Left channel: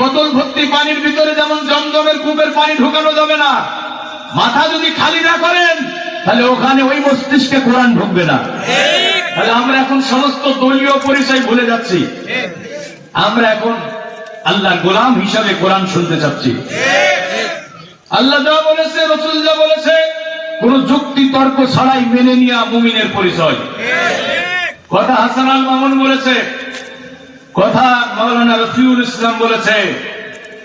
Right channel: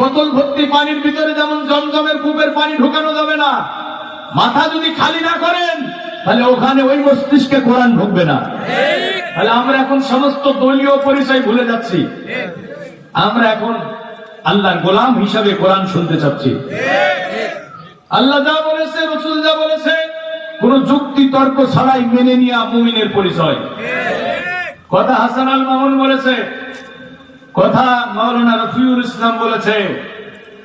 বোতল ভর্তি পানির ভিতরে যেমন জমজমের কূপের পানি ঢোকানো যাবে না, মাথা যদি খালি না করেন তাহলে ওখানে ওই মস্তিষ্কে কোরআন ঢুকবে না। তাহলে আমরা এখন সমস্ত দলীয় পরিচয় ভুলে যাচ্ছি, আমরা এখন আল্লাহর গোলাম হিসাবে কোরআন শুনতে চাচ্ছি। আল্লাহ যা বলেছে, রাসূল যা বলেছে, কোন যুক্তি তর্ক ছাড়াই মেনে নেওয়া মুমিনের পরিচয়। কথা হাসান আল মামুন বলেছে, কথা মাওলানা রফিউল ইসলাম বলেছে,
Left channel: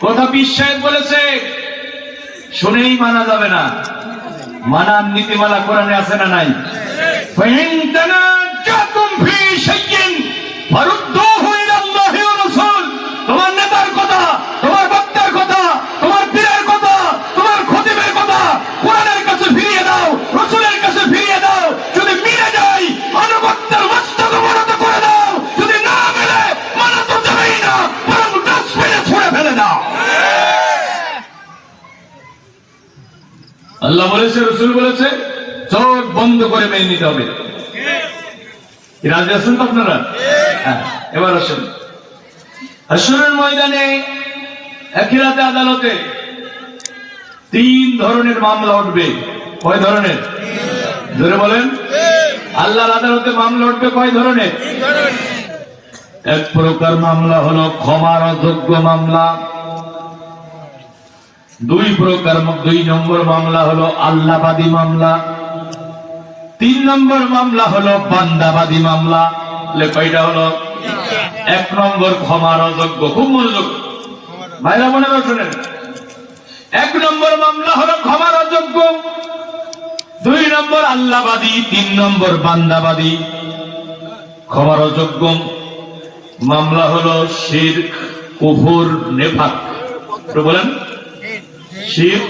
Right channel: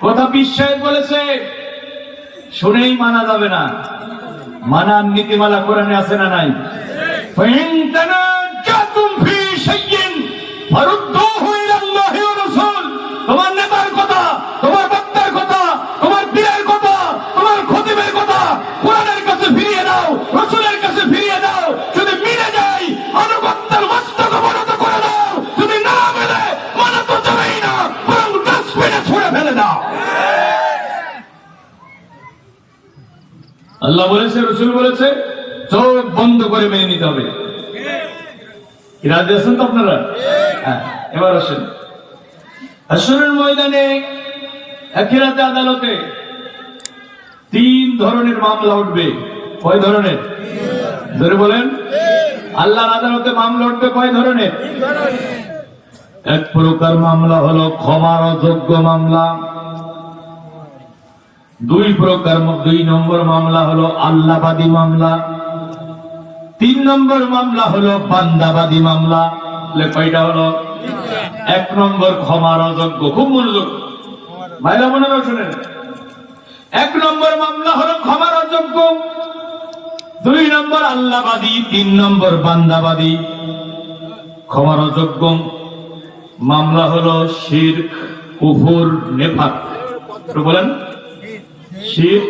কথা পীর সাহেব বলেছে, শুনেই মানা যাবে না। মানার নীতিমালা কোরআনে আছে না নাই? ফাইন তানাজাতুম ফি শাইইন ফারুদ্দুহু ইলাল্লাহি ওয়া রাসূল। তোমার নেতার কথা, তোমার বক্তার কথা, তোমার পীরের কথা, তোমার খতিবের কথা কোরআনের কাছে ফিরিয়ে দাও, রাসূলের কাছে ফিরিয়ে দাও। যদি মিলে যায় আনুগত্যের মস্তক অবনত করে দাও, যদি না মেলে মানা তো যাবেই না, বরং ডাস্টবিনে ছুঁড়ে ফেলে দাও। আল্লাহ বলেছে, রাসূল বলেছে, চোখ বন্ধ করে মেনে নিতে হবে। রাজি আছেন তো আপনারা? হ্যাঁ, এবার আসেন হাশরের ময়দানে, আখিরাতে, আদালতে তিন ধরনের মামলা উঠবে। কয় ধরনের? ধরে বলেন। আল্লাহর আদালতে মামলা উঠবে কয় ধরনের? এক প্রকার মামলা হলো ক্ষমার অযোগ্য মামলা। দুই নম্বর মামলা হলো আল্লাহবাদী মামলা। 3 নম্বর মামলা হলো বান্দাবাদী মামলা। কয়টা হলো? 1 নম্বর ক্ষমার অযোগ্য। খুব মনোযোগ ভাইরা বোনেরা শোনেন। 1 নম্বর মামলা হলো ক্ষমার অযোগ্য, 2 নম্বর আল্লাহবাদী, 3 নম্বর বান্দাবাদী। ক্ষমার অযোগ্য মামলা হলো শিরক, কুফর, নেফাক। তো বলেন, শিরক,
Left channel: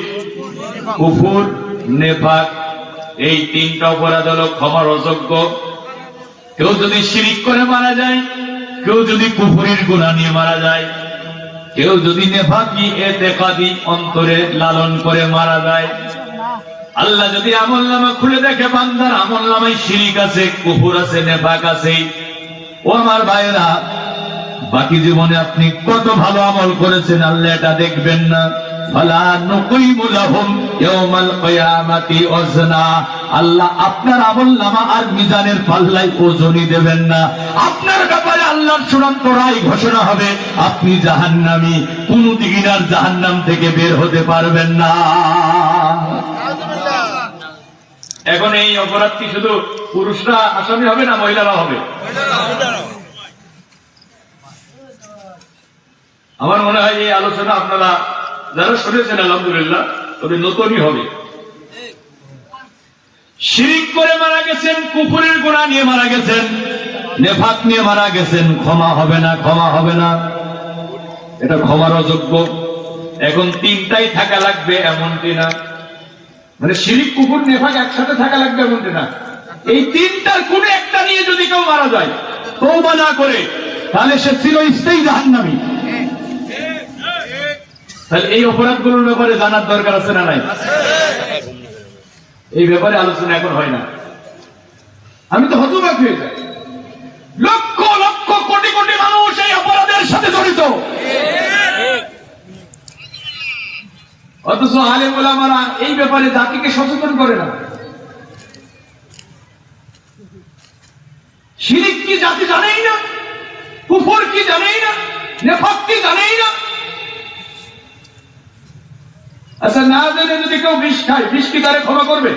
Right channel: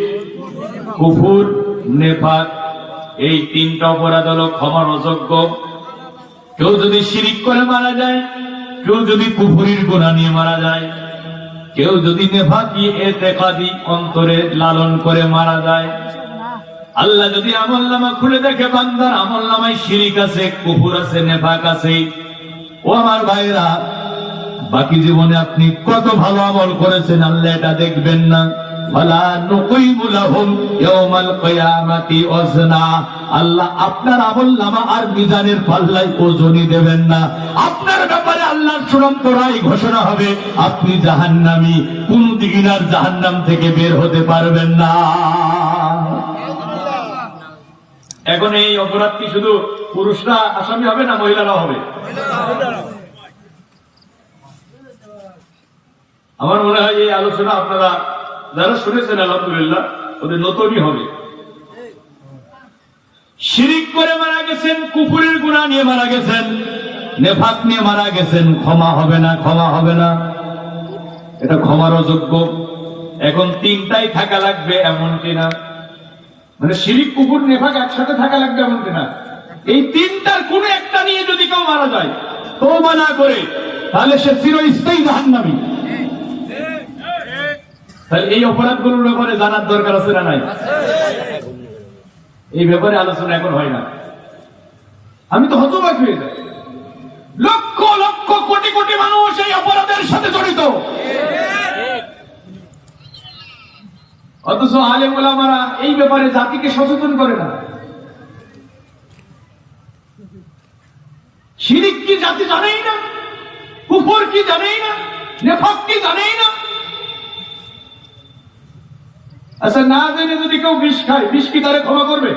কুফর, নেফাক, এই 3টা অপরাধ হলো ক্ষমার অযোগ্য। কেউ যদি শিরক করে মারা যায়, কেউ যদি কুফরের গুনাহ নিয়ে মারা যায়, কেউ যদি নেফাকি ইতিকাদি অন্তরে লালন করে মারা যায়, আল্লাহ যদি আমলনামা খুলে দেখে বান্দার আমলনামায় শিরক আছে, কুফর আছে, নেফাক আছে, ও আমার ভাইরা, বাকি জীবনে আপনি কত ভালো আমল করেছেন আল্লাহ এটা দেখবেন না। ফালা নুকিমু লাহুম ইয়াওমাল কিয়ামাতি ওয়াজনা। আল্লাহ আপনার আমলনামা আর মিজানের পাল্লায় ওজনই দেবেন না। আপনার ব্যাপারে আল্লাহর চূড়ান্ত রায় ঘোষণা হবে, আপনি জাহান্নামী, কোনদিন আর জাহান্নাম থেকে বের হতে পারবেন না। এখন এই অপরাধ কি শুধু পুরুষরা আসামি হবে না মহিলারা হবে? আমার মনে হয় এই আলোচনা আপনারা যারা শুনেছেন আলহামদুলিল্লাহ, তবে নতুনই হবে। শিরক করে মারা গেছেন, কুফরের গুনাহ নিয়ে মারা গেছেন, নেফাক নিয়ে মারা গেছেন, ক্ষমা হবে না, ক্ষমা হবে না, এটা ক্ষমার অযোগ্য। এখন 3টাই থাকা লাগবে এমনটি না, মানে শিরক, কুফর, নেফাক একসাথে থাকা লাগবে এমনটি না। এই 3টার কোন একটা নিয়ে যদি কেউ মারা যায় তওবা না করে, তাহলে সে চিরস্থায়ী জাহান্নামী। তাহলে এই অপরাধগুলোর ব্যাপারে জানার দরকার আছে না নাই? এই ব্যাপারে আলোচনা এখন হয় না। আমি তো হতবাক হয়ে যাই, লক্ষ লক্ষ কোটি কোটি মানুষ এই অপরাধের সাথে জড়িত, অথচ আলেম ওলামারা এই ব্যাপারে জাতিকে সচেতন করে না। শিরক কি জাতি জানেই না, কুফর কি জানেই না, নেফাক কি জানেই না। আচ্ছা, না জেনে যদি কেউ বিষ খায়, বিষ কি তারে ক্ষমা করবে?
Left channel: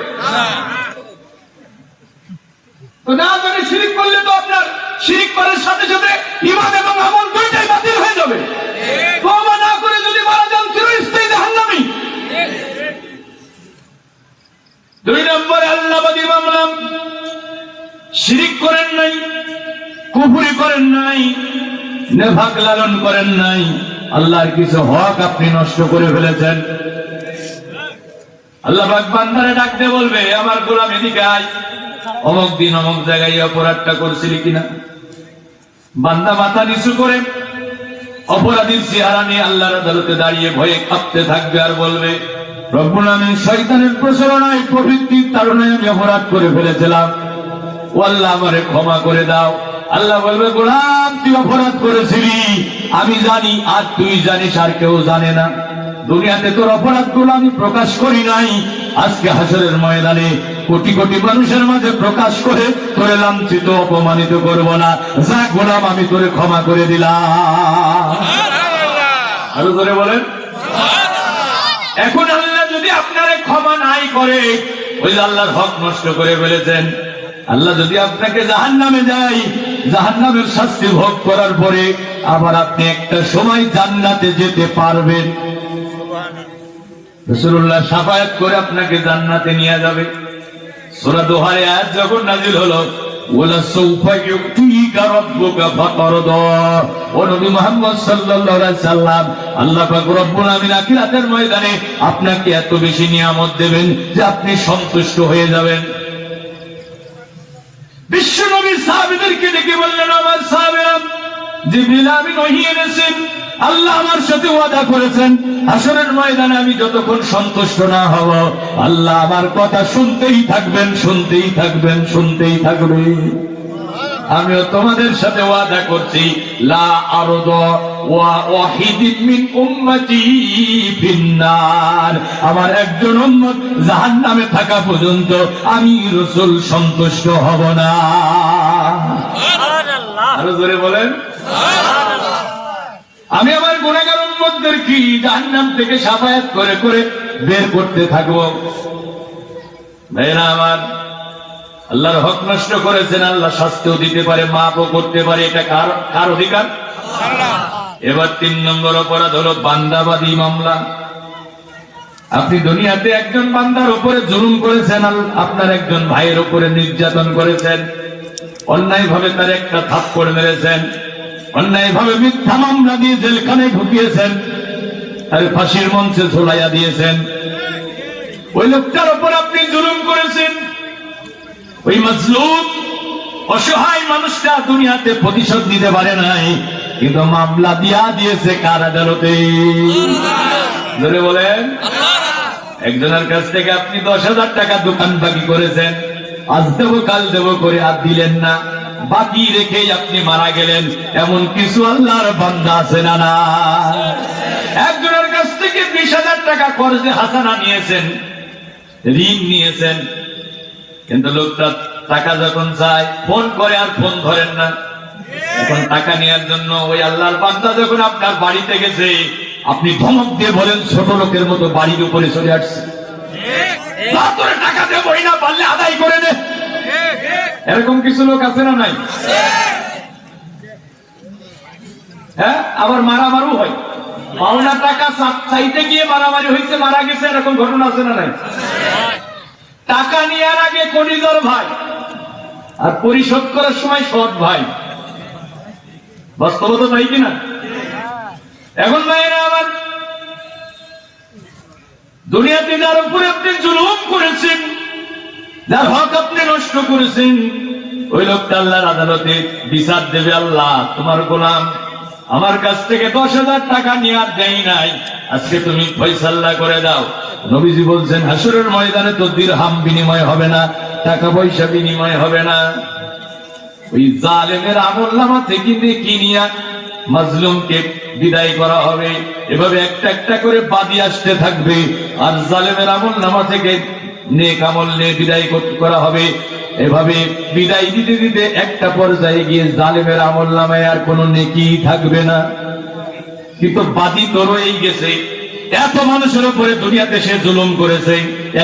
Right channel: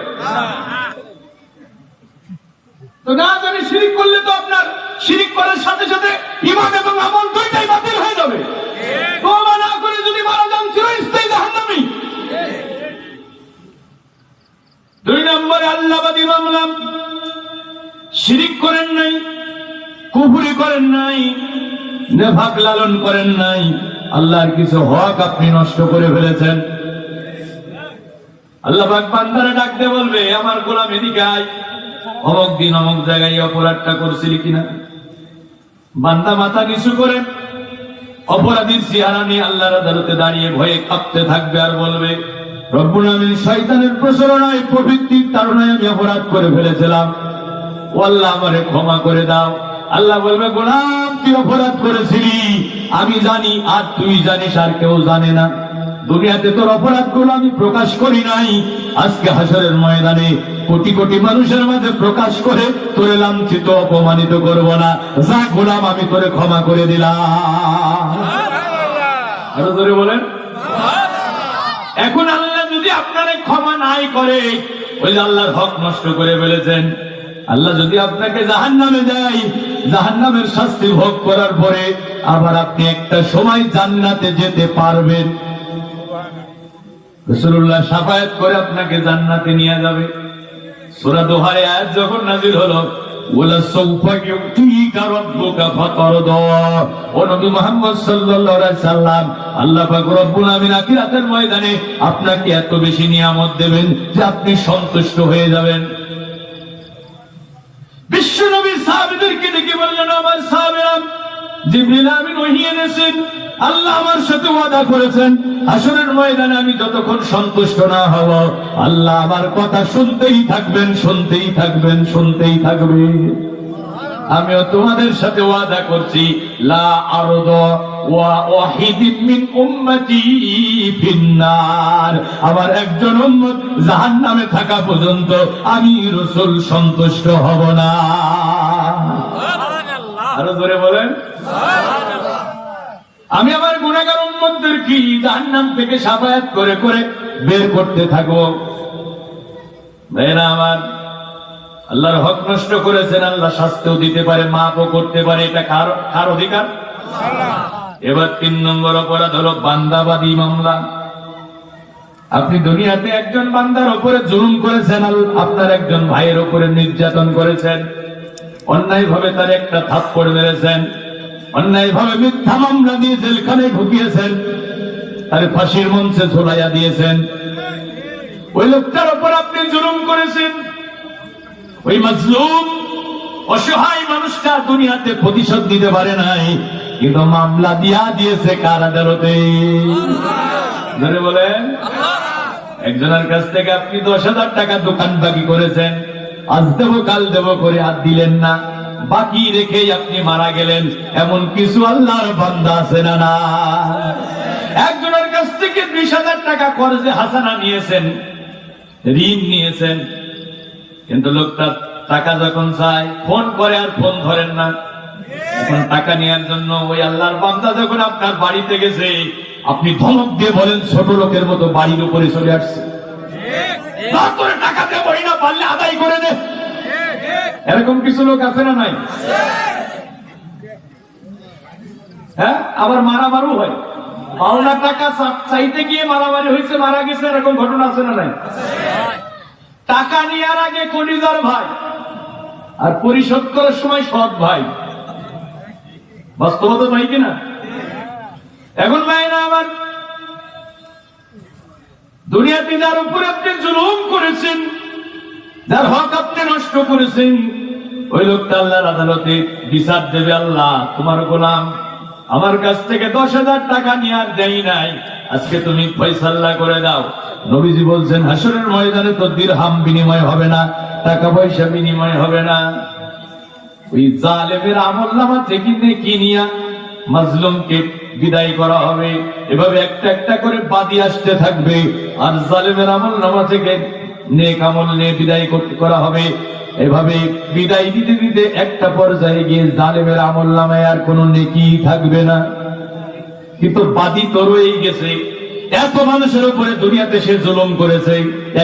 তো না জেনে শিরক করলে তো আপনার শিরক করার সাথে সাথে ঈমান এবং আমল দুইটাই বাতিল হয়ে যাবে। তওবা না করে যদি মারা যান, চিরস্থায়ী জাহান্নামী। 2 নম্বর আল্লাহবাদী মামলা। শিরক করেন নাই, কুফরি করেন নাই, নেফাক লালন করেন নাই, আল্লাহর কিছু হক আপনি নষ্ট করে ফেলেছেন। আল্লাহ পাক বান্দারে ডাকতে বলবে, আমার গোলাম এদিকে আয়, অমুক দিন অমুক জায়গায় অপরাধটা করছিলি কিনা। বান্দা মাথা নিচু করে অপরাধীর চেহারা নিয়ে আল্লাহর আদালতে দাঁড়িয়ে ভয়ে কাঁপতে থাকবে আর বলবে, রব্বুল আমিন, শয়তানের প্রচারণায়, প্রবৃত্তির তাড়নায় আমি অপরাধ করে ফেলেছিলাম, ও আল্লাহ আমারে ক্ষমা করে দাও। আল্লাহ বলবে, গোলাম তুই অপরাধ করেছিলি, আমি জানি আর তুই জানিস, আর কেউ জানে না। দুনিয়াতে তোর অপরাধগুলো আমি প্রকাশ করি নাই, আজকে হাসরের ময়দানে কোটি কোটি মানুষের মাঝে প্রকাশ করে তোরে লাঞ্ছিত অপমানিত করব না। যা গোলাম, আমি তোরে ক্ষমা করে দিলাম। আরো জোরে বলেন। এখন আল্লাহ যদি আপনারে ক্ষমা নাই করে, ওই যে আল্লাহর হক নষ্ট করে ফেলেছেন, আল্লাহ যদি আপনাকে জাহান্নামে যায়, জাহান্নামের শাস্তি ভোগ করার পরে আবার আপনি একটা সময় জান্নাতে যেতে পারবেন। রাসূলুল্লাহ শাফায়াত করে আপনাকে জান্নাতে নিয়ে যাবে। সূরা দোহার আয়াত যখন নাযিল হলো, ওয়ালা সাউফা ইউতিকা রাব্বুকা ফাতারদা, ও নবী মুহাম্মদ সাল্লাল্লাহু আলাইহি সাল্লাম, আল্লাহ পাক রব্বুল আমিন আখিরাতের ময়দানে আপনাকে এত বেশি নিয়ামত দেবেন যে আপনি সন্তুষ্ট হয়ে যাবেন। বিশ্ব নবী সাহাবীদেরকে ডেকে বললেন, আমার সাহাবীরা, জিবরিল আমিন ওহী এনেছেন, আল্লাহ আমার সাথে ওয়াদা করেছেন হাসরের ময়দানে আমি যতক্ষণ সন্তুষ্ট না হব, আল্লাহ আমার কথা শুনতেই থাকবেন, শুনতেই থাকবেন, শুনতেই থাকবেন। আমিও তোমাদের সাথে ওয়াদা করছি, লা আরদা ওয়া ওয়াহিদিন মিন উম্মতি ফিন্নার, আমার একজন উম্মত জাহান্নামে থাকা পর্যন্ত আমি রাসূল সন্তুষ্ট হব না। সুবহানাল্লাহ। আরো জোরে বলেন সুবহানাল্লাহ। আমি আমার গুনাহগার উম্মতদেরকে জাহান্নাম থেকে শাফায়াত করে করে বের করতে থাকবো। ভাইরা আমার, আল্লাহর হক নষ্ট করেছেন, আল্লাহ শাস্তিও দিতে পারে, মাফও করতে পারে, এটা কার অধিকার? আল্লাহ। এবার 3 নম্বর অপরাধ হলো বান্দাবাদী মামলা। আপনি দুনিয়াতে একজন বান্দার উপরে জুলুম করেছেন, আপনার একজন ভাইয়ের উপরে নির্যাতন করেছেন, অন্যায়ভাবে তার একটা থাপ্পড় মেরেছেন, অন্যায়ভাবে মিথ্যা মামলা দিয়ে জেলখানায় ঢুকিয়েছেন, তার ফাঁসির মঞ্চে ঝোলাইয়া দিয়েছেন। ওই লোকটার উপর আপনি জুলুম করেছেন। ওই মাজলুম অসহায় মানুষটা দুনিয়াতে প্রতিশোধ দিতে পারে নাই, কিন্তু মামলা দিয়া দিয়েছে কার আদালতে? ধরে বলেন। একজনের কাছ থেকে আপনি 10,000 টাকা দোকান বাকি করেছেন, আজ দেবো কাল দেবো করে আর দিলেন না, বাকি রেখেই আপনি মারা গেলেন। এমন কিছু আল্লাহর বান্দা আছে না? না। একজনের কাছ থেকে 20,000 টাকা কর্জে হাসানা নিয়েছেন, ঋণ নিয়েছেন, কিন্তু লোকটা টাকা যখন চায় ফোন করে আর ফোন ধরেন না। এখন টাকা নেওয়ার জন্য ওই আল্লাহর বান্দা যখন আপনার বাড়িতে গেছে, আপনি ধমক দিয়ে বলেন ছোট লোকের মতো বাড়ির উপরে চলে আসছে, টাকা দেবই না, পারলে আদায় করে দে। এরকম কিছু লোক আছে না নাই? হ্যাঁ, আবার মারামারও হয়, পাওনা টাকা চাইতে গিয়ে মারামারি হয়েছে, মারা গেছে, এরকম ঘটনা আছে না নাই? টাকা নেওয়ার আগে কলিজার ভাই আর পরিশোধ করার সময় সৎ ভাই, বাস্তবতা তাই কিনা? এখন ভাইয়েরা আমার, দুনিয়াতে যার উপরে আপনি জুলুম করেছেন, যার হক আপনি নষ্ট করেছেন, ওই লোকটা আল্লাহর আদালতে বিচার দেবে। আল্লাহ, তোমার গোলাম আমার কাছ থেকে 10,000 টাকা নিয়ে আর দেই নাই, আজকে তুমি ফয়সালা করে দাও। নবীজি বলছেন, হাসরের ময়দানে তো দিরহাম বিনিময় হবে না, টাকা পয়সা বিনিময় হবে না, ওই জালেমের আমলনামা থেকে নেকি নিয়া মাজলুমকে বিদায় করা হবে। এভাবে একটা একটা করে বাদী আসতে থাকবে, আর জালেমের আমলনামা থেকে নেক আমল নিয়ে বিদায় করা হবে। এভাবে বিদায় দিতে দিতে একটা পর্যায়ে গিয়ে জালেমের আমলনামায় আর কোনো নেকি থাকবে না। কিন্তু বাদী তো রয়েই গেছে, এত মানুষের উপরে দুনিয়াতে সে জুলুম করেছে,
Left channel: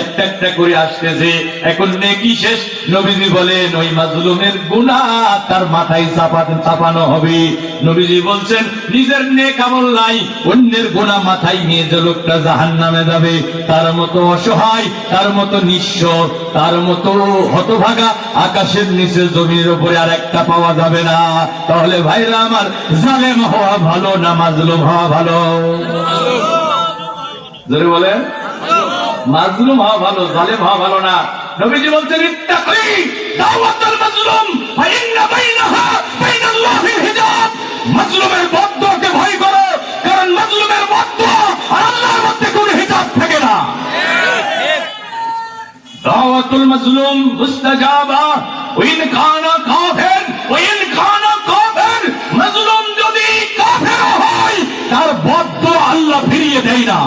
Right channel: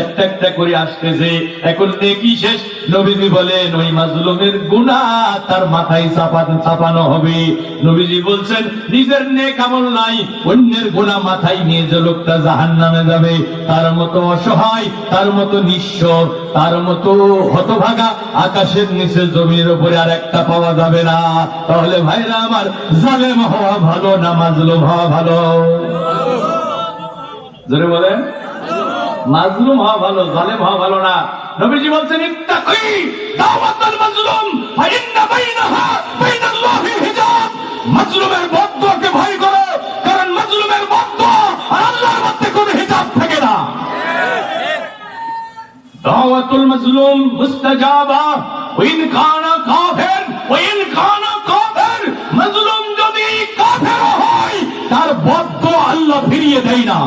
একটা একটা করে আসতেছে, এখন নেকি শেষ। নবীজি বলেন ওই মাজলুমের গুনাহ তার মাথায় চাপানো হবে। নবীজি বলছেন, নিজের নেক আমল নাই, অন্যের গুনাহ মাথায় নিয়ে যে লোকটা জাহান্নামে যাবে, তার মতো অসহায়, তার মতো নিঃস্ব, তার মতো হতভাগা আকাশের নিচে জমির উপরে আর একটা পাওয়া যাবে না। তাহলে ভাইরা আমার, জালেম হওয়া ভালো না মাজলুম হওয়া ভালো? জোরে বলেন। মাজলুম হওয়া ভালো, জালেম হওয়া ভালো না। নবীজি বলছেন, ইত্তাকি দাওয়াতুল মাজলুম ফাইন্না বাইনাহা বাইনাল্লাহিল হিজাব, মাজলুমের বদদুয়াকে ভয় করো, কারণ মাজলুমের বদদুয়া আর আল্লাহর মধ্যে কোনো হিজাব থাকে না। দাওয়াতুল মাজলুম মুস্তাজাবা ওয়াইন কানা কাফির ওয়াইন কানা কাফির, মাজলুম যদি কাফির ফিরিয়ে দেয় না।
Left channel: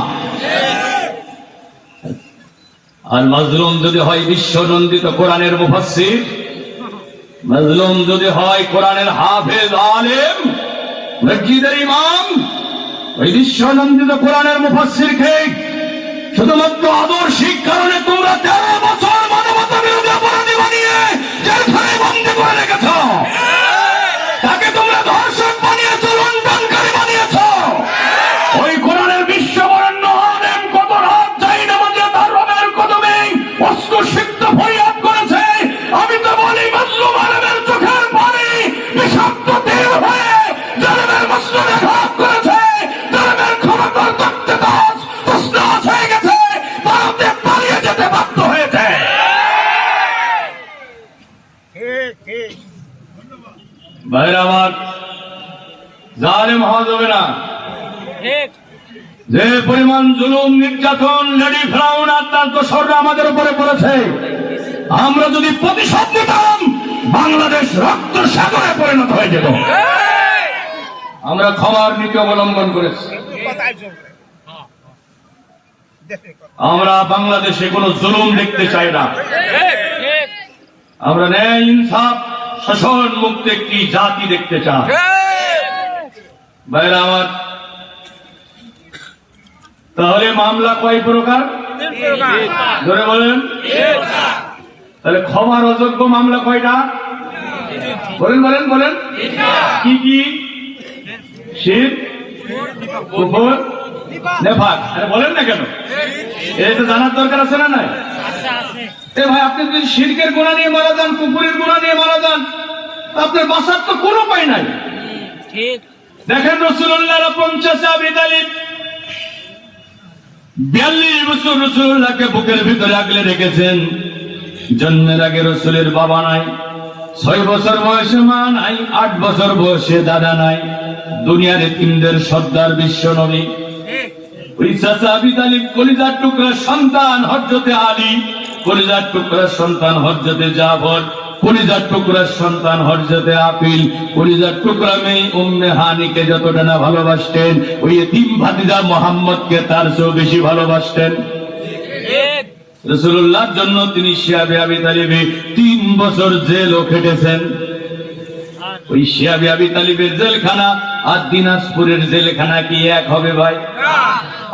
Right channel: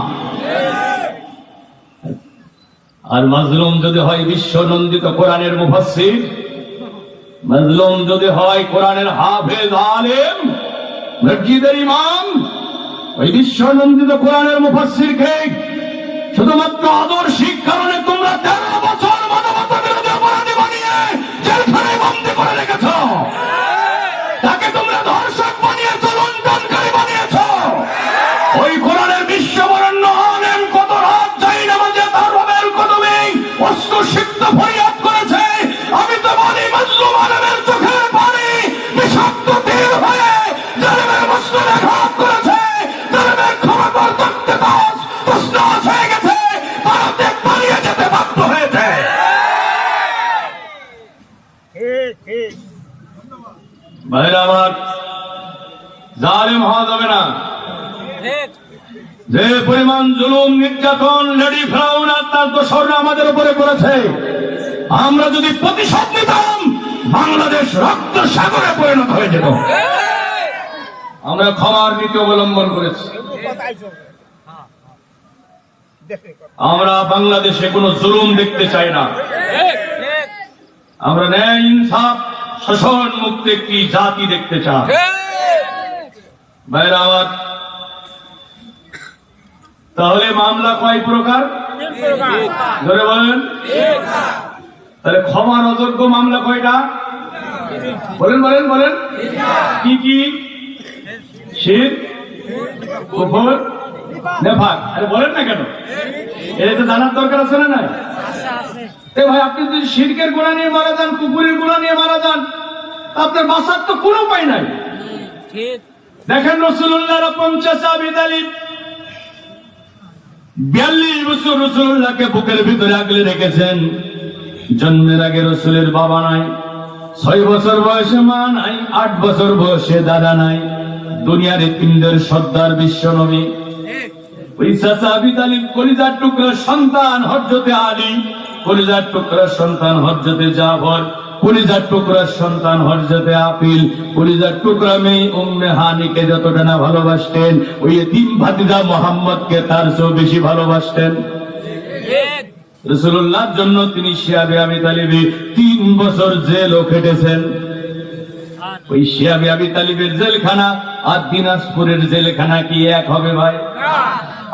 আর মাজলুম যদি হয় বিশ্বনন্দিত কোরআনের মুফাসসির, মাজলুম যদি হয় কোরআনের হাফেজ আলেম, মসজিদের ইমাম, ওই বিশ্বনন্দিত কোরআনের মুফাসসিরকে শুধুমাত্র আদর্শিক কারণে তোমরা 13 বছর মানবতা বিরোধী অপরাধী বানিয়ে জেলখানায় বন্দী করে রেখেছ। তাকে তোমরা ধর্ষক বানিয়েছ, লুণ্ঠনকারী বানিয়েছ। ওই কোরআনের বিশ্ববরণ্য আলেম কত রাত যাই নামাজে তার রবের কদমে অস্ত্রসিক্ত ফরিয়াদ করেছে। আমি তো বলি মাজলুম আলেমের চোখের পানি বিষাক্ত তীর হয়ে জালেমের মস্তকে আঘাত করেছে। জালেমের ক্ষমতার তত্ত্বে তছনছ হয়ে গেছে, ভারতে পালিয়ে যেতে বাধ্য হয়েছে। ভাইরা আমার, জালেম হওয়া যাবে না। যে পরিমাণ জুলুম নির্যাতন লেডি ফেরাউন আর তার দোসররা আমাদের উপরে করেছে, আমরা যদি প্রতিশোধ নিতাম বাংলাদেশ রক্ত সাগরে পরিণত হয়ে যেত। আমরা ক্ষমার নীতি অবলম্বন করেছি। আমরা বাংলাদেশে কোনো জুলুম দেখতে চাই না। আমরা ন্যায়, ইনসাফ, শোষণ মুক্ত একটি জাতি দেখতে চাই। ভাইরা আমার, তাহলে মামলা কয় প্রকার ধরে বলেন? তাহলে ক্ষমার অযোগ্য মামলা কয়টা? বলেন বলেন বলেন। কি কি? শিরক, কুফর, নেফাক। আরে বলেন না কেন? এটা তো জানার দরকার আছে না? নাই? এ ভাই, আপনি যদি শিরকের গুনাহ নিয়ে মারা যান, কুফরের গুনাহ নিয়ে মারা যান, আপনার বাঁচার তো কোনো উপায় নাই। ঠিক দেখেন, রাসূলুল্লাহর আপন চাচা আবু তালিব 42 বছর রাসূলুল্লাহকে বুকের ভিতরে আগলে রেখেছেন। জন্মের আগে রাসূলের বাবা নাই, 6 বছর বয়সে মা নাই, 8 বছর বয়সে দাদা নাই। দুনিয়ার এতিমদের সর্দার বিশ্ব নবী। ওই চাচা আবু তালিব কলিজার টুকরার সন্তান হযরতে আলী, কলিজার টুকরার সন্তান হযরতে জাফর, কলিজার টুকরার সন্তান হযরতে আকিল, কলিজার টুকরা মেয়ে উম্মে হানিকে যতটা না ভালোবাসতেন, ওই এতিম ভাতিজা মুহাম্মদকে তার চেয়েও বেশি ভালোবাসতেন। রাসূলুল্লাহর জন্য তিনি শিয়াবে আবু তালিবে 3 বছর জেলও খেটেছেন। ওই শিয়াবে আবু তালিবের জেলখানা আর দিনাজপুরের জেলখানা কি এক হবে ভাই?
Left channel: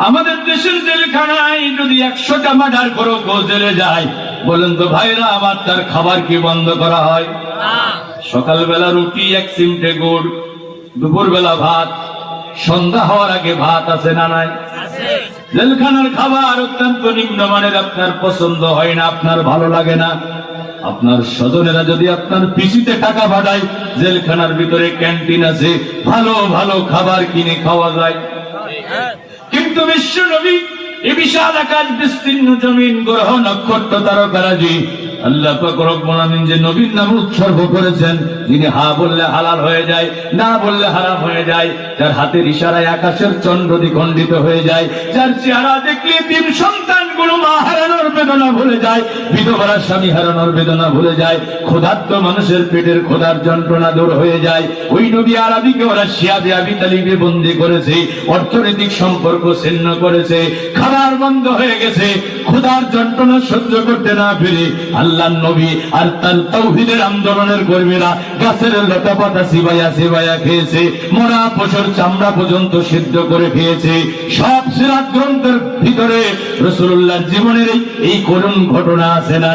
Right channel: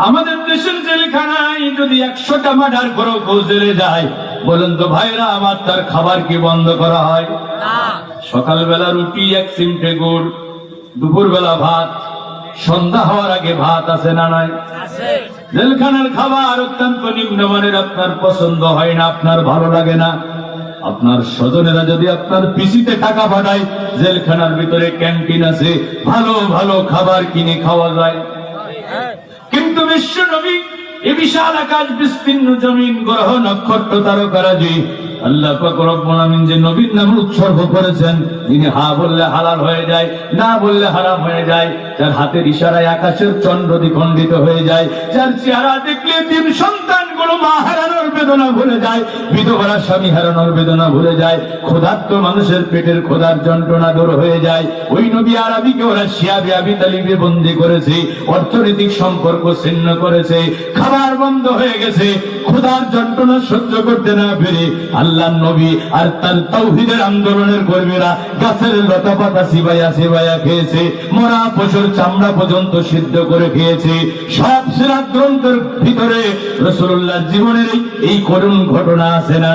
আমাদের দেশের জেলখানায় যদি 100টা মার্ডার করো জেলে যায়, বলেন তো ভাইরা আমার, তার খাবার কি বন্ধ করা হয়? সকালবেলা রুটি, 1 চিমটে গুড়, দুপুরবেলা ভাত, সন্ধ্যা হওয়ার আগে ভাত আছে না নাই? জেলখানার খাবার অত্যন্ত নিম্নমানের, আপনার পছন্দ হয় না, আপনার ভালো লাগে না। আপনার স্বজনেরা যদি আপনার পিসিতে টাকা পাঠায়, জেলখানার ভিতরে ক্যান্টিন আছে, ভালো ভালো খাবার কিনে খাওয়া যায়। কিন্তু বিশ্ব নবী এই বিশাল আকাশ বিস্তীর্ণ জমিন গ্রহ নক্ষত্র তারকারাজি আল্লাহ পাক রব্বুল আমিন যে নবীর নাম উৎসর্গ করেছেন, যিনি হা বললে হালাল হয়ে যায়, না বললে হারাম হয়ে যায়, যার হাতের ইশারায় আকাশের চন্দ্র দ্বিখণ্ডিত হয়ে যায়, যার চেহারা দেখলে 3 সন্তানগুলো মা হারানোর বেদনা ভুলে যায়, বিধবার স্বামী হারানোর বেদনা ভুলে যায়, ক্ষুধার্ত মানুষের পেটের ক্ষুধার যন্ত্রণা দূর হয়ে যায়। ওই নবী আরবিকে ওরা শিয়াবে আবু তালিবে বন্দী করেছে, অর্থনৈতিক সম্পর্ক ছিন্ন করেছে, খাবার বন্ধ হয়ে গেছে, ক্ষুধার যন্ত্রণা সহ্য করতে না পেরে আল্লাহর নবী আর তার তাওহীদের আন্দোলনের কর্মীরা গাছের লতা পাতা চিবাইয়া চিবাইয়া খেয়েছে, মরা পশুর চামড়া পর্যন্ত সিদ্ধ করে খেয়েছে। সব সিরাত গ্রন্থের ভিতরে রাসূলুল্লাহর জীবনের এই করুণ ঘটনা আছে না?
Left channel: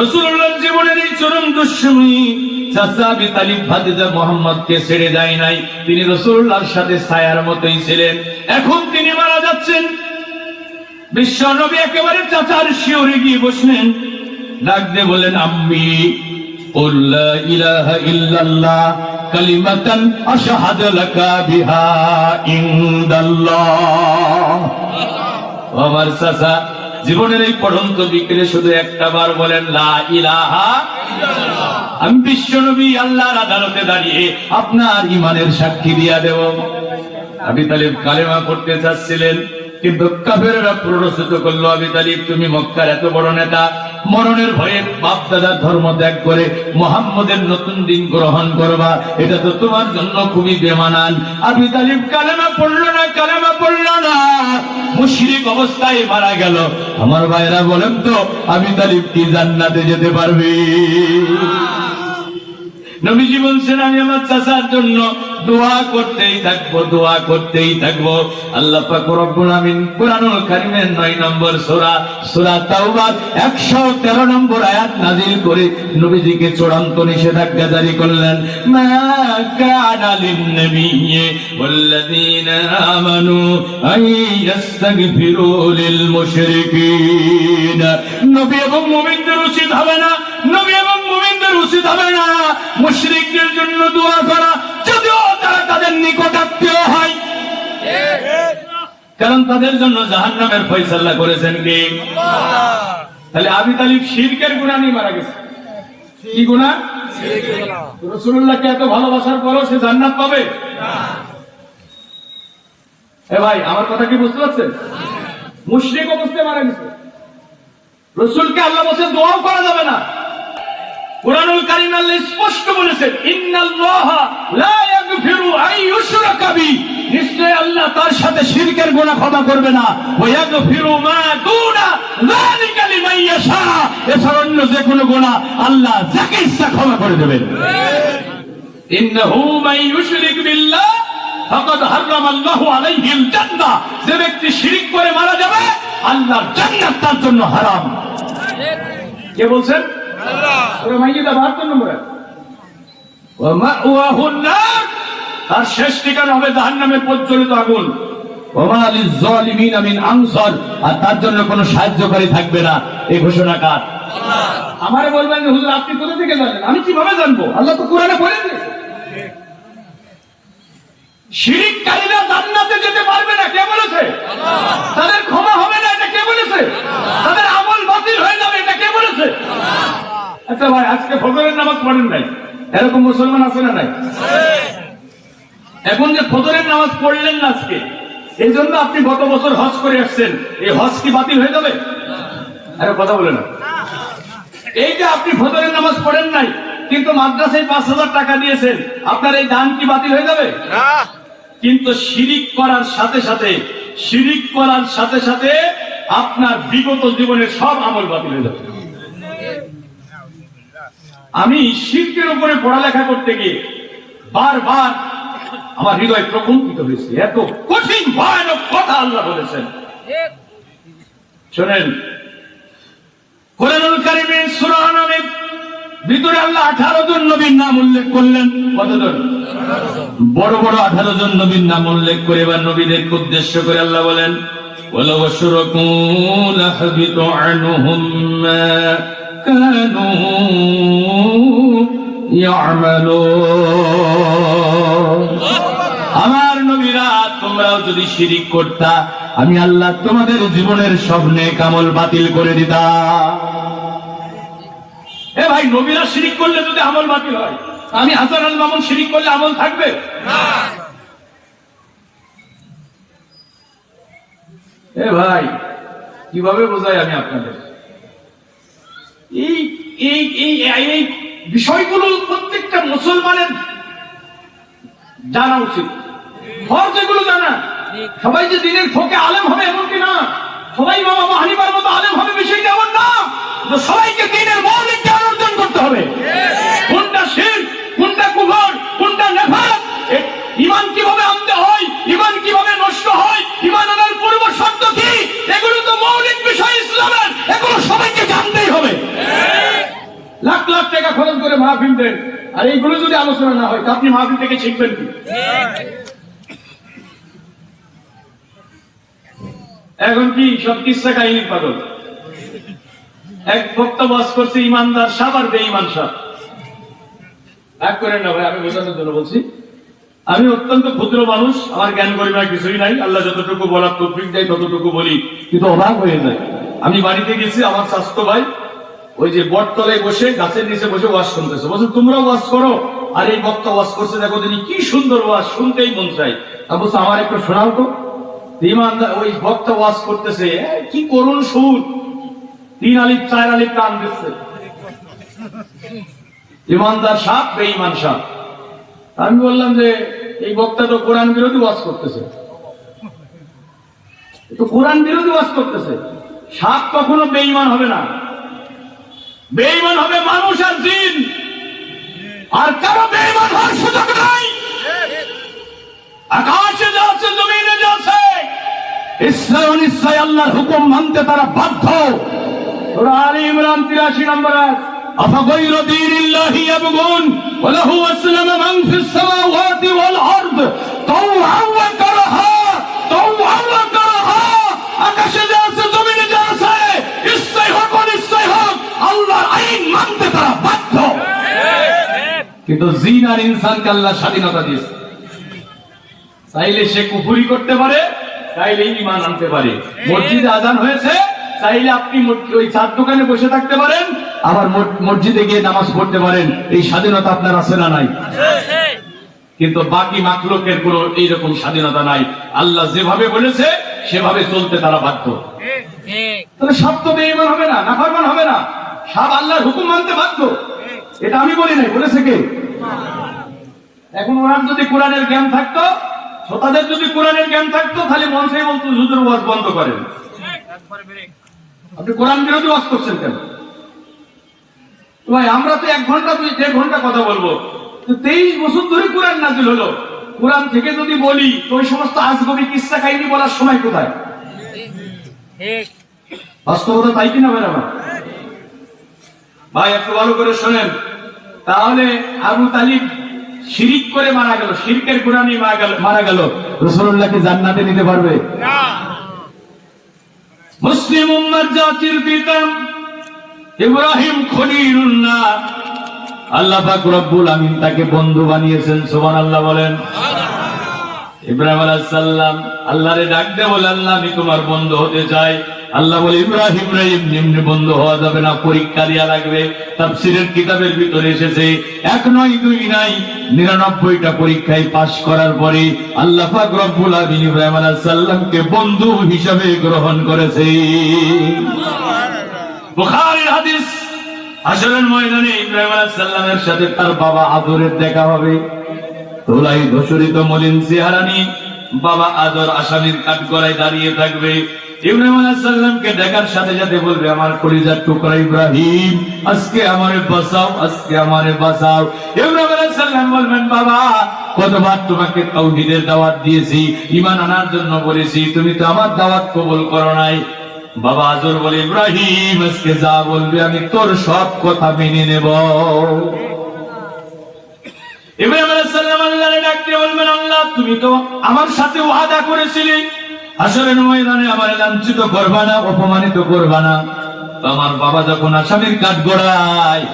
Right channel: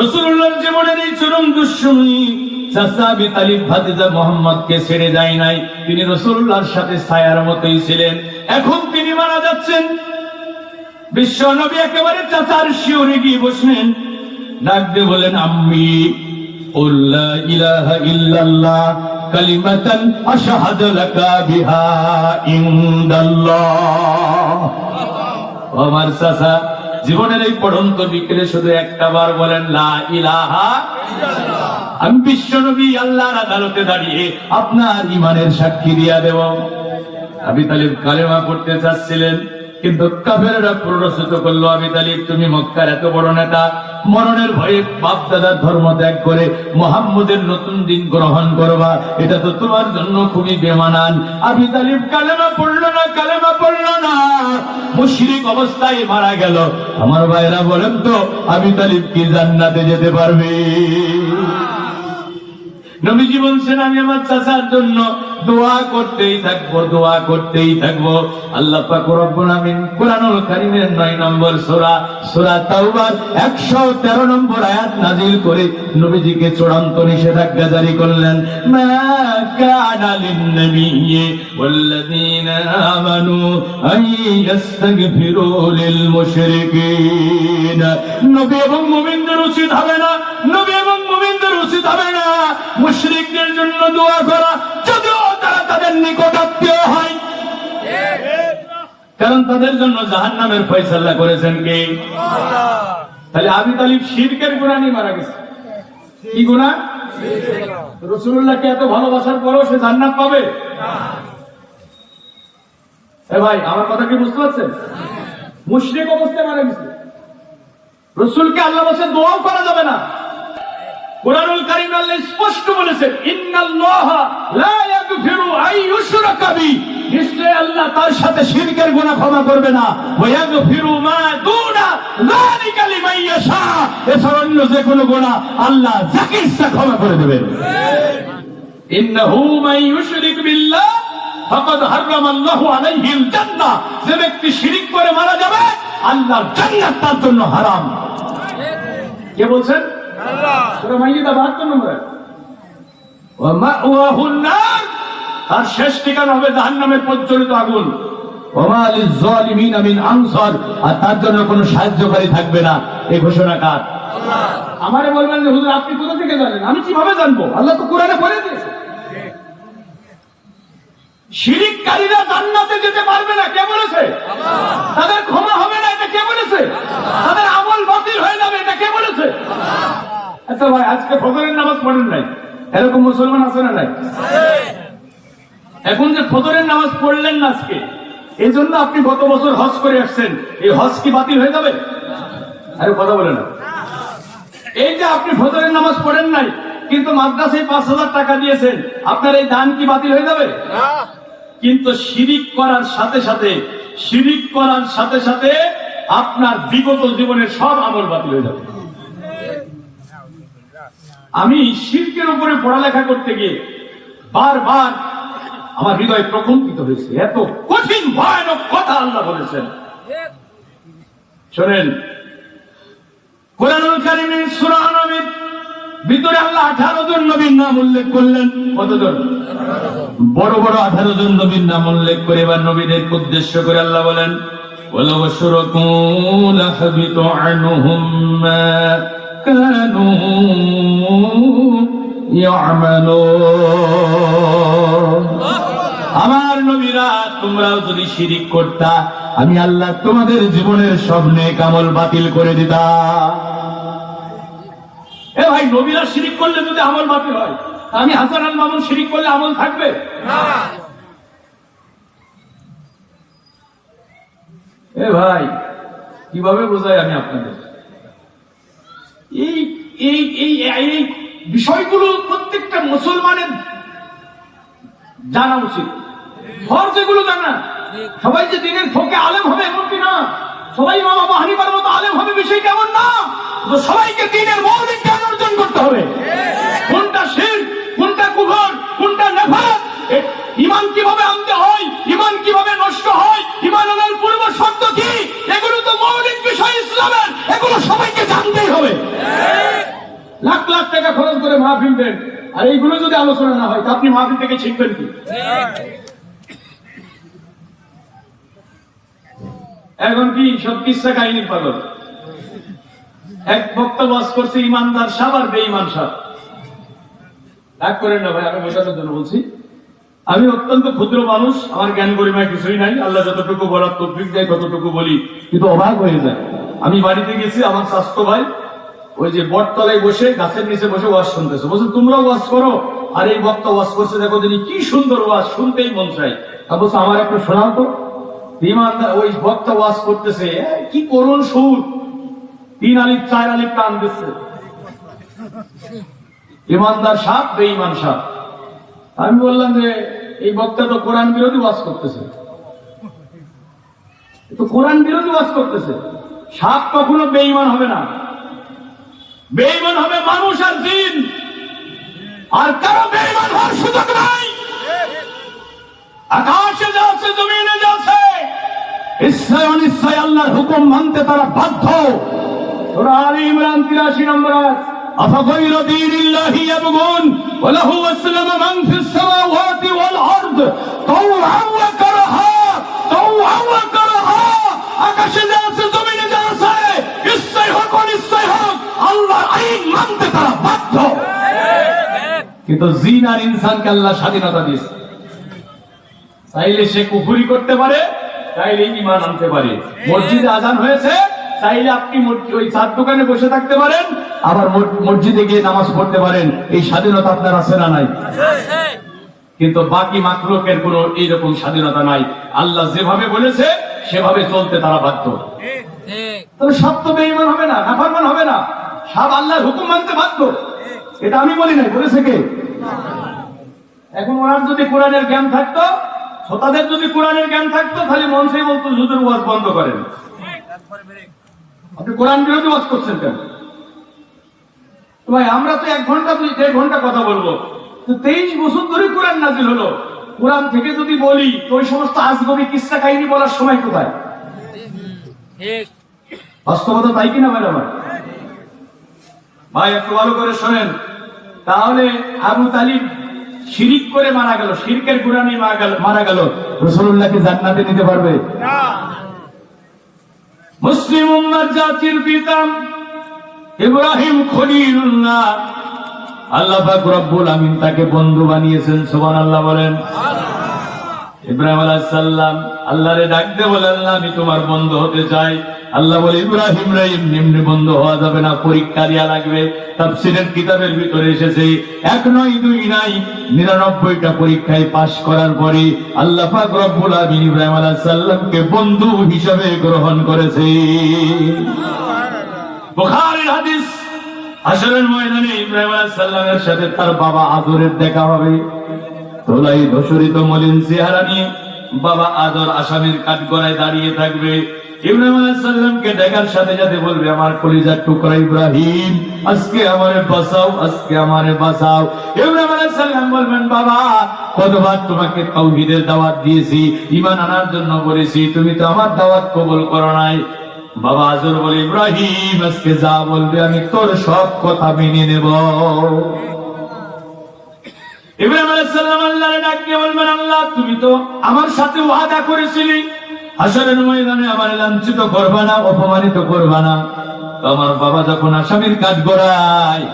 রাসূলুল্লাহর জীবনের এই চরম দুঃসময়ী চাচা আবু তালিব ভাতিজা মুহাম্মদকে ছেড়ে যায় নাই। তিনি রাসূলুল্লাহর সাথে ছায়ার মতোই ছিলেন। এখন তিনি মারা যাচ্ছেন, বিশ্ব নবী একেবারে চাচার শিওরে গিয়ে বসলেন, ডাক দিয়ে বলেন, আম্মি কুল লা ইলাহা ইল্লাল্লাহ কালিমাতান আশহাদু লাকা বিহা ইনদাল্লাহ। আমার চাচা জীবনের এই পড়ন্ত বিকেলে শুধু একটা বার বলেন, লা ইলাহা ইল্লাল্লাহ। আমি বিশ্ব নবী আল্লাহর আদালতে দাঁড়িয়ে আপনার ঈমানের সাক্ষী দিয়া দেব। আবু তালিব কালেমা পড়তে চাচ্ছিলেন, কিন্তু কাফেররা প্ররোচিত করলো, আবু তালিব তুমি মক্কার এত বড় নেতা, মরণের ভয়ে বাপ দাদার ধর্ম ত্যাগ করে মুহাম্মদের নতুন দিন গ্রহণ করবা, এটা তো তোমার জন্য খুবই বেমানান। আবু তালিব কালেমা পড়লো না, মুশরিক অবস্থায় মারা গেল। আমার ভাইরা বলেন তো, আবু তালিব কি জান্নাতে যেতে পারবে? নবীজি বলছেন আমি আমার চাচার জন্য দোয়া করতেই থাকবো। আল্লাহ পাক রব্বুল আমিন কুরআনুল কারীমের 9 নম্বর সূরা তাওবার 113 নম্বর আয়াত নাযিল করে নবীজিকে চূড়ান্ত নিষেধাজ্ঞা জারি করলেন, মা কানা লিন-নাবিয়্যি ওয়াল্লাযীনা আমানু আন ইস্তাগফিরু লিল মুশরিকিন। নবী এবং মুমিনদের উচিত হবে না মুশরিকদের জন্য দোয়া করা, যদিও তারা তাদের নিকটাত্মীয় হয়, কারণ তাদের জন্য জাহান্নামের ফয়সালা করেছেন কে? তাহলে আবু তালিব শিরকের গুনাহ নিয়ে মারা গেছে। কি গুনাহ? রাসূলুল্লাহকে এত ভালোবাসার পরও সে জান্নাত পাবে না। ভাই আমার কথা কি বুঝতে পারছেন? মুশরিক অবস্থায় মারা গেছে। রাসূলকে আল্লাহ বলেছে দোয়াও করা যাবে না। কুরআনুল কারীম আল্লাহ স্পষ্ট বলেছেন, ইন্নাল্লাহা লা ইয়াগফিরু আন ইউশরাকা বি, নিশ্চয় আল্লাহ তার সাথে শিরকের গুনাহ ক্ষমা করবে না। ওয়া ইয়াগফিরু মা দুনা যালিকা লিমান ইয়াশা, এছাড়া অন্য যে কোনো গুনাহ আল্লাহ যাকে ইচ্ছা ক্ষমা করে দেবেন। ইন্নাহু মান ইউশরিক বিল্লাহ ফাকাদ হারামাল্লাহু আলাইহিল জান্নাহ, যে ব্যক্তি শিরক করে মারা যাবে আল্লাহর জান্নাত তার জন্য হারাম। কে বলছেন? তার শেষ ঠিকানা হবে জাহান্নামের প্রজ্বলিত আগুন। আর তার জন্য কোন সাহায্যকারী থাকবে না। এই ঘোষণা কার? আমারে বলবেন যে হুজুর আপনি কোথা থেকে জানেন? আমি কিভাবে জানবো? আল্লাহ তো কোরআনে বলে দিয়েছে শিরককারীরা জান্নাতে যেতে পারবে না। কে বলেছে? তাদের ক্ষমা হবে না, এটা কে বলেছে? তাদের আমল বাতিল হয়ে যাবে, এটা কে বলেছে? আচ্ছা ভাই, আজকে ফজরের নামাজ পড়েন নাই, এরকম মুসলমান আছে না নাই? এখন যে ফজরের নামাজ পড়লেন না আজকে, এই জন্য আপনি গত বছর হজ করে আসছেন, এই হজ কি বাতিল হয়ে যাবে? আরে কথা বলেন। এই যে আপনি ফজরের নামাজ পড়েন নাই কিন্তু মাদ্রাসায় 5,000 টাকা দিয়েছেন, আপনার এই দান কি বাতিল হয়ে যাবে? কিন্তু শিরিক করার সাথে সাথে আপনার বিগত জীবনের সব আমল বাতিল হয়ে যাবে। আমি শিরকের উপরে পড়ালেখা করতে গিয়ে বারবার আমার হৃদয় প্রকম্পিত হয়েছে। এত কঠিন ভয়ানক কথা আল্লাহ বলেছেন। শোনেন, কুরআনুল কারীমের সূরা আনামের ভিতরে আল্লাহ 18 জন নবীর নাম উল্লেখ করলেন। কতজন? বড় বড় 18 জন নবীর নাম উল্লেখ করে এবার নবীদেরকে উদ্দেশ্য করে আল্লাহ বলেন, ওয়ালাউ আশরাকু লাহাবিতু আনহুম মা কানু ইয়ামালুন। আমার নবীরা, তোমরাও যদি শিরিক করতা, আমি আল্লাহ তোমাদের জীবনের সব নেক আমল বাতিল করে দিতাম। এ ভাই, নবীরা শিরিক করলে যদি আমল বাতিল হয়, আমি হাসান আল মামুন শিরিক করলে আমল থাকবে না। এ ভাই, কিভাবে বোঝাই আমি আপনাদের? এই বিষয়গুলো প্রত্যেকটা মুসলমানের জানা উচিত। ফরজ এগুলো জানা। সবাই যে দিনের ফোকে আলেম হবে এমনকি না, সবাই ইমাম আবু হানিফার মতো আলেম হবে বিষয়টা এমন না। সবাইকে দিনের মৌলিক জ্ঞান অর্জন করতে হবে। কোনটা শিরক, কোনটা কুফর, কোনটা নেফাক, ঈমান কিভাবে আনতে হয়, ঈমান কিভাবে নষ্ট হয়, ঈমান আনার পূর্ব শর্ত কি, এগুলো তো মৌলিক বিষয় ইসলামের। এগুলো সবাইকে জানতেই হবে। লাখ লাখ টাকা খরচ করে মাহফিল দেন, আর এইগুলো যদি আলোচনা না হয় তা আপনি মাহফিল থেকে শিখবেন কি? এখন কি সব কিসসা কাহিনী পাগল। এক বক্তা ওয়াজ করছে ইমানদার সাহেব আর বেঈমান সাহেব। এক করেন না ভাই, আমি বোঝানোর জন্য বলছি। আমি অত্যন্ত ক্ষুদ্র মানুষ, আমার জ্ঞান গরিমা কিছুই নাই। আল্লাহ যতটুকু বলার তৌফিক দেয় ততটুকু বলি, কিন্তু অবাক হয়ে যায়। আমি বাড়িতে গেছি, আমার স্বাস্থ্য ভাই ওই যে বটতলায় বসে গাছের নিচে বসে ওয়াজ শুনতেছে। বলছে তোমরা ওয়াজ করো, আর এই বক্তা ওয়াজ করছে, দেখো তিনি কি সুন্দর ওয়াজ, শুনতেই মন চাই। বলছে আমার একটা শোনাও তো। ইমানদার ওই বক্তা ওয়াজ করতেছে, কি করুন সুর, 3 আলিফ 4 আলিফ টান দিচ্ছে। ইমানদার সাপ, বেঈমান সাপ। আমি বললাম যে এই বক্তা তো কোরআন বিরোধী ওয়াজ করতেছে, তো কোরআন বিরোধী ওয়াজ করতেছে। সাপ কখনো বেঈমান হবে না, বেঈমান হবে মানুষ আর জিন, আর কারো বেঈমান হওয়ার সুযোগ নাই। আকাশে যা আছে, জমিনে যা আছে, ইচ্ছায় অনিচ্ছায় আল্লাহর হুকুম মানতে তারা বাধ্য। সূরা আলে ইমরান 83 নম্বর আয়াত, আফাগাইরা দীনিল্লাহি ইয়াবগুন ওয়া লাহু আসলামা মান ফিস সামাওয়াতি ওয়াল আরদ তাওআন ওয়া কারাহা, তাওআন ওয়া কারাহা। আকাশে যা আছে, জমিনে যা আছে, ইচ্ছায় হোক অনিচ্ছায় হোক, আল্লাহর আইন মানতে তারা বাধ্য। কিন্তু জিন আর ইনসানকে আল্লাহ স্বাধীনতা দিয়েছে, চাইলে সে কুফরি করতে পারে, চাইলে ঈমান আনতে পারে। মসজিদে আযান হয়েছে, চাইলে আপনি ওই চার দোকানে বসে থাকতে পারেন, আবার মসজিদে গিয়ে নামাজ পড়তে পারেন। এই স্বাধীনতা আপনার আছে না নাই? কিন্তু বাকি মাখলুকের কোনো এইরকম স্বাধীনতা নাই। আল্লাহ যেভাবে বলেছে সেভাবে চলতে তারা বাধ্য। তাহলে সব তো বেঈমান হবে না, নাফরমান হবে না, সব আল্লাহর হুকুম মানতে বাধ্য। এটা আমি বলি নাই, বলেছে কে? এখন ওনার যদি কোরআনের জ্ঞান থাকতো, তাদের যদি কোরআনের জ্ঞান থাকতো, তাহলে মনসেই বলতো হুজুর ওয়াজ বন্ধ করেন, আপনি কোরআন বিরোধী ওয়াজ করছেন কেন? ভাই আমরা তো 1 ঘন্টা 2-1.5 ঘন্টা কথা বলবো, তো 23 বছর ধরে কোরআন নাযিল হলো। কোরআন থেকে যদি বলি তো ওই সমস্ত আজগবি কিসসা কাহিনী বলার সময় কোথায়? বাস্তবতা তাই কিনা বেরোবে? ভাই একটু ভালো করে শোনেন। তাহলে আবু তালিব শিরিক করে মারা গেল, শিরকের গুনাহে মারা গেল, রাসূলুল্লাহকে জান্নাতে নিতে পারবে না। মুসলিম উম্মার জাতির পিতা ইব্রাহিম খলিলুল্লাহ, আল্লাহ পাক রব্বুল আমিন তাকে বন্ধু বানিয়েছেন। সুবহানাল্লাহ বলেন। ইব্রাহিম আলাইহিস সালাম আল্লাহরে ডাক দিয়ে বলে, আল্লাহ আমি তোমার বন্ধু হতে চাই। আল্লাহ বলে, ইব্রাহিম রে এমনি বন্ধু হওয়া যাবে না, পরীক্ষা দেয়া লাগবে। তাফসীরের কিতাবের ভিতরে এসেছে 1 নয় 2 নাই 99টা পরীক্ষায় পাশ করার পরে আল্লাহ পাক রব্বুল আমিন ইব্রাহিম আলাইহিস সালামকে বন্ধু হিসেবে গ্রহণ করেছে। বুখারীর হাদিস, হাশরের ময়দানে ইব্রাহিম আলাইহিস সালামের সাথে তার বাবা আদরের দেখা হবে। তোলাই ধূসরিত মলিন চেহারা নিয়ে বাবা আদর আসামির কাঠগড়ায় দাঁড়িয়ে থাকবে। ইব্রাহিম আলাইহিস সালামকে দেখার সাথে সাথে বলবে, আমার কলিজার টুকরা ইব্রাহিম, আজকে আমারে বাঁচাও, আজকে আমারে বাঁচাও। ইব্রাহিম আলাইহিস সালাম বলবেন, বাবা কতবার তোমাকে তাওহীদের দাওয়াত দিয়েছি, ঈমান আনার জন্য বলেছি, তুমি তো আমার দাওয়াত কবুল করো নাই। বাবা আজর বলে, ইব্রাহিম আজকে যা বলবে আমি তোর সব কথা মেনে নেব। ইব্রাহিম আলাইহিস সালাম আল্লাহরে ডাক দিয়ে বলবেন, আল্লাহ তুমি তো আমার সাথে ওয়াদা করেছিলে হাশরের ময়দানে আমার লাঞ্ছিত করবা না, অপমানিত করবা না। তো আমার বাবা যখন আসামির কাঠগড়ায়,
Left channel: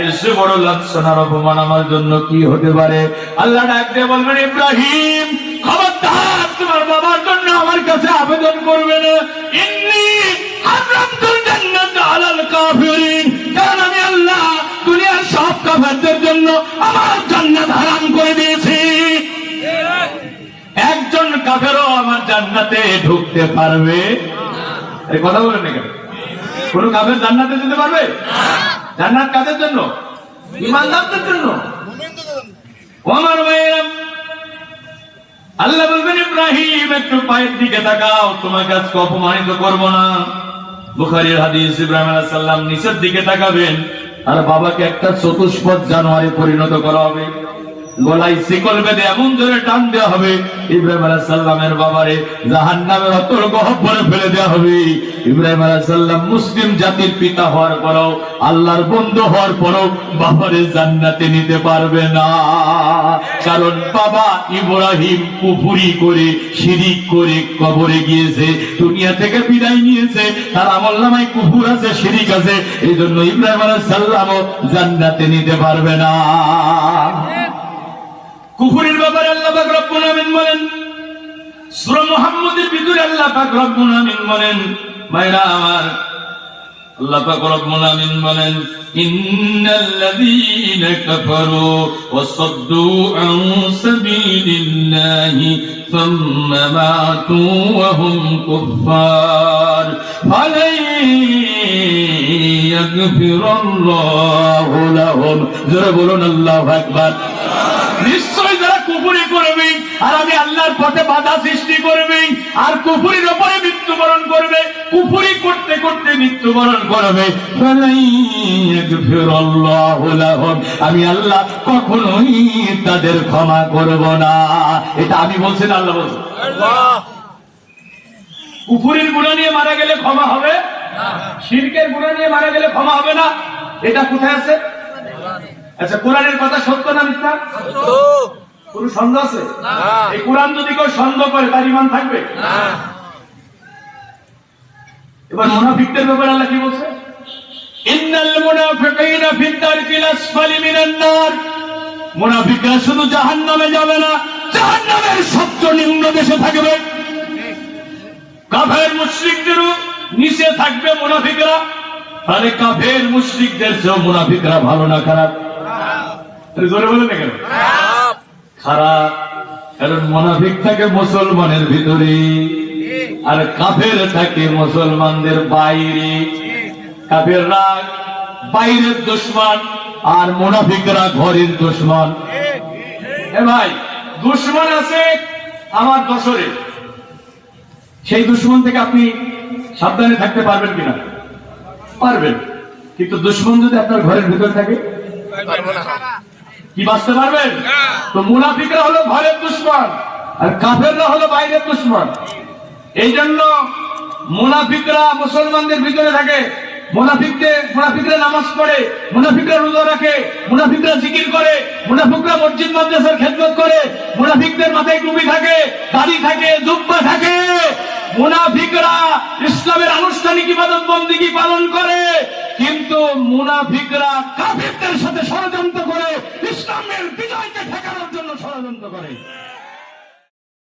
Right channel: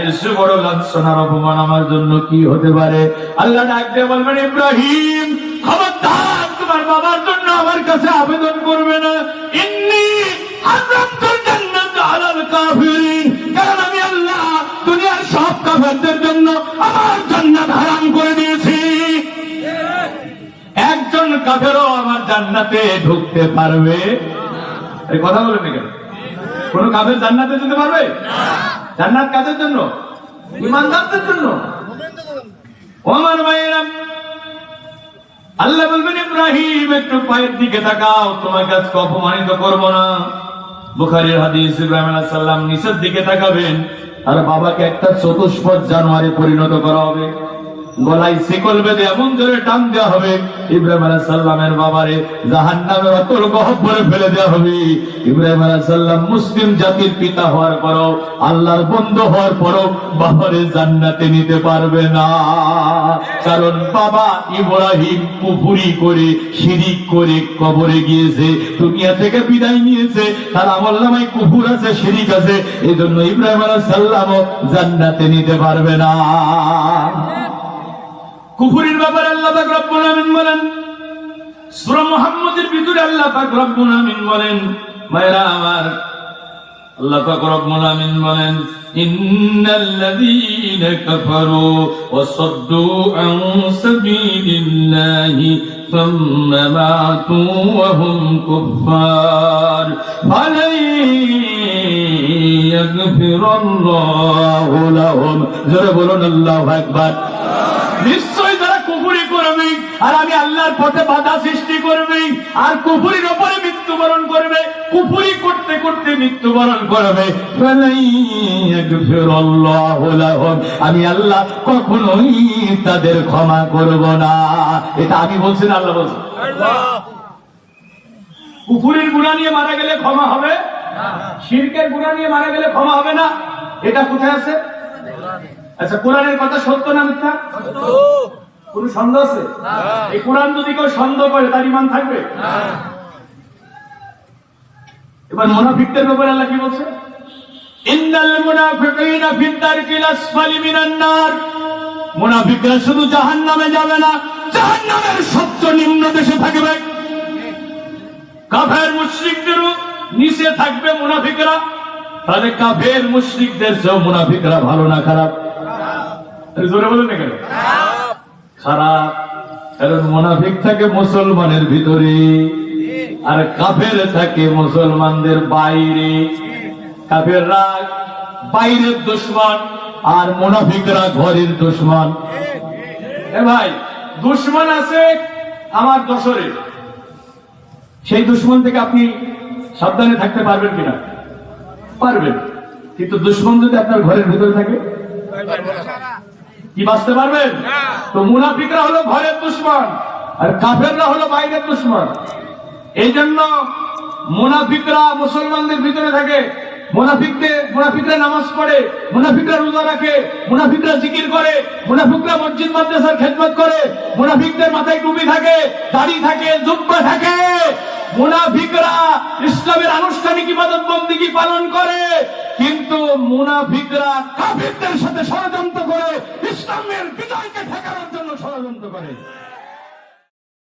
এর চেয়ে বড় লাঞ্ছনার অপমান আমার জন্য কি হতে পারে? আল্লাহ ডাক দিয়ে বলবেন, ইব্রাহিম খবরদার তোমার বাবার জন্য আমার কাছে আবেদন করবে না। ইন্নী হারামতুল জান্নাত আলাল কাফিরিন, কারণ আমি আল্লাহ দুনিয়ার সব কাফেরদের জন্য আমার জান্নাত হারাম করে দিয়েছি। একজন কাফেরও আমার জান্নাতে ঢুকতে পারবে এই কথা বলেন না কেন? কোন কাফের জান্নাতে যেতে পারবে? জান্নাত কাদের জন্য? ঈমানদারদের জন্য। ওমর ভাইরা, আল্লাহ বলবেন, ইব্রাহিম একটু পায়ের দিকে তাকাও, তোমাকে আজকে অপমানিত করব না। বুখারীর হাদিস, ইব্রাহিম আলাইহিস সালাম নিচের দিকে তাকাবেন আর বাবাকে একটা চতুষ্পদ জানোয়ারে পরিণত করা হবে, গলায় শিকল বেঁধে এমন জোরে টান দেওয়া হবে, ইব্রাহিম আলাইহিস সালামের বাবারে জাহান্নামের অতল গহ্বরে ফেলে দেওয়া হবে। ইব্রাহিম আলাইহিস সালাম মুসলিম জাতির পিতা হওয়ার পরও, আল্লাহর বন্ধু হওয়ার পরও বাবারে জান্নাতে নিতে পারবে না। কারণ বাবা ইব্রাহিম কুফরি করে, শিরিক করে কবরে গিয়েছে, দুনিয়া থেকে বিদায় নিয়েছে, তার আমলনামায় কুফর আছে, শিরিক আছে, এইজন্য ইব্রাহিম আলাইহিস সালামও জান্নাতে নিতে পারবে না। কুফরের ব্যাপারে আল্লাহ পাক রব্বুল আমিন বলেন, সূরা মুহাম্মাদের ভিতরে আল্লাহ পাক রব্বুল আমিন বলেন, ভাইরা আমার, আল্লাহ পাক রব্বুল আমিন বলেন, ইন্নাল্লাযীনা কাফারু ওয়া সাদ্দু আন সাবিলিল্লাহি ثم ماتوا وهم كفار فلن يغفر الله لهم জোরে বলুন আল্লাহু আকবার। নিশ্চয় যারা কুফরি করবে আর আমি আল্লাহর পথে বাধা সৃষ্টি করবে আর কুফরির উপরে মৃত্যুবরণ করবে, কুফরি করতে করতে মৃত্যুবরণ করবে, আমি আল্লাহ কখনোই তাদের ক্ষমা করব না। এটা আমি বলছি না, আল্লাহ বলছে। কুফরির গুনাহ নিয়ে মারা গেলে ক্ষমা হবে না, শিরকের গুনাহ নিয়ে মারা গেলে ক্ষমা হবে না। এটা কোথায় আছে? আচ্ছা, কোরআনের কথা সত্য না মিথ্যা? কোন সন্দেহ আছে? এই কোরআন যদি কেউ সন্দেহ করে তার ঈমান থাকবে না। এবার মুনাফিকদের ব্যাপারে আল্লাহ কি বলছে? ইন্নাল মুনাফিকিনা ফিদ দারকিল আসফালি মিনান নার, মুনাফিকরা শুধু জাহান্নামে যাবে না, জাহান্নামের সবচেয়ে নিম্ন দেশে থাকবে। কাফের মুশরিকদেরও নিচে থাকবে মুনাফিকরা। তাহলে কাফের মুশরিকদের চেয়ে মুনাফিকরা ভালো না খারাপ? জোরে বলেন না কেন? খারাপ। কারণ মুনাফিক থাকে মুসলমানের ভিতরে আর কাফের থাকে মুসলমানদের বাইরে। কাফেররা বাইরের দুশমন আর মুনাফিকরা ঘরের দুশমন। এ ভাই, দুশমন আছে আমার দোসরে, সেই দুশমন থেকে আপনি সাবধানে থাকতে পারবেন কিনা? পারবেন। কিন্তু দুশমন যদি আপনার ঘরের ভিতরে থাকে কি বাঁচতে পারবেন? তো মুনাফিকরা হলো ঘরের দুশমন আর কাফেররা হলো বাইরের দুশমন। এই জন্য মুনাফিকরা মুসলমানদের ভিতরে থাকে, মুনাফিকরা নামাজ পড়ে, মুনাফিকরা রোজা রাখে, মুনাফিকরা জিকির করে, মুনাফিকরা মসজিদ মাদ্রাসার খেদমত করে, মুনাফিকদের মাথায় টুপি থাকে, দাড়ি থাকে, জুব্বা থাকে। মুনাফিকরা ইসলামের আনুষ্ঠানিক ইবাদত বন্দেগী পালন করে, কিন্তু মুনাফিকরা কাফিরদের সাথে ষড়যন্ত্র করে ইসলামের বিজয়কে ঠেকানোর জন্য ষড়যন্ত্র করে।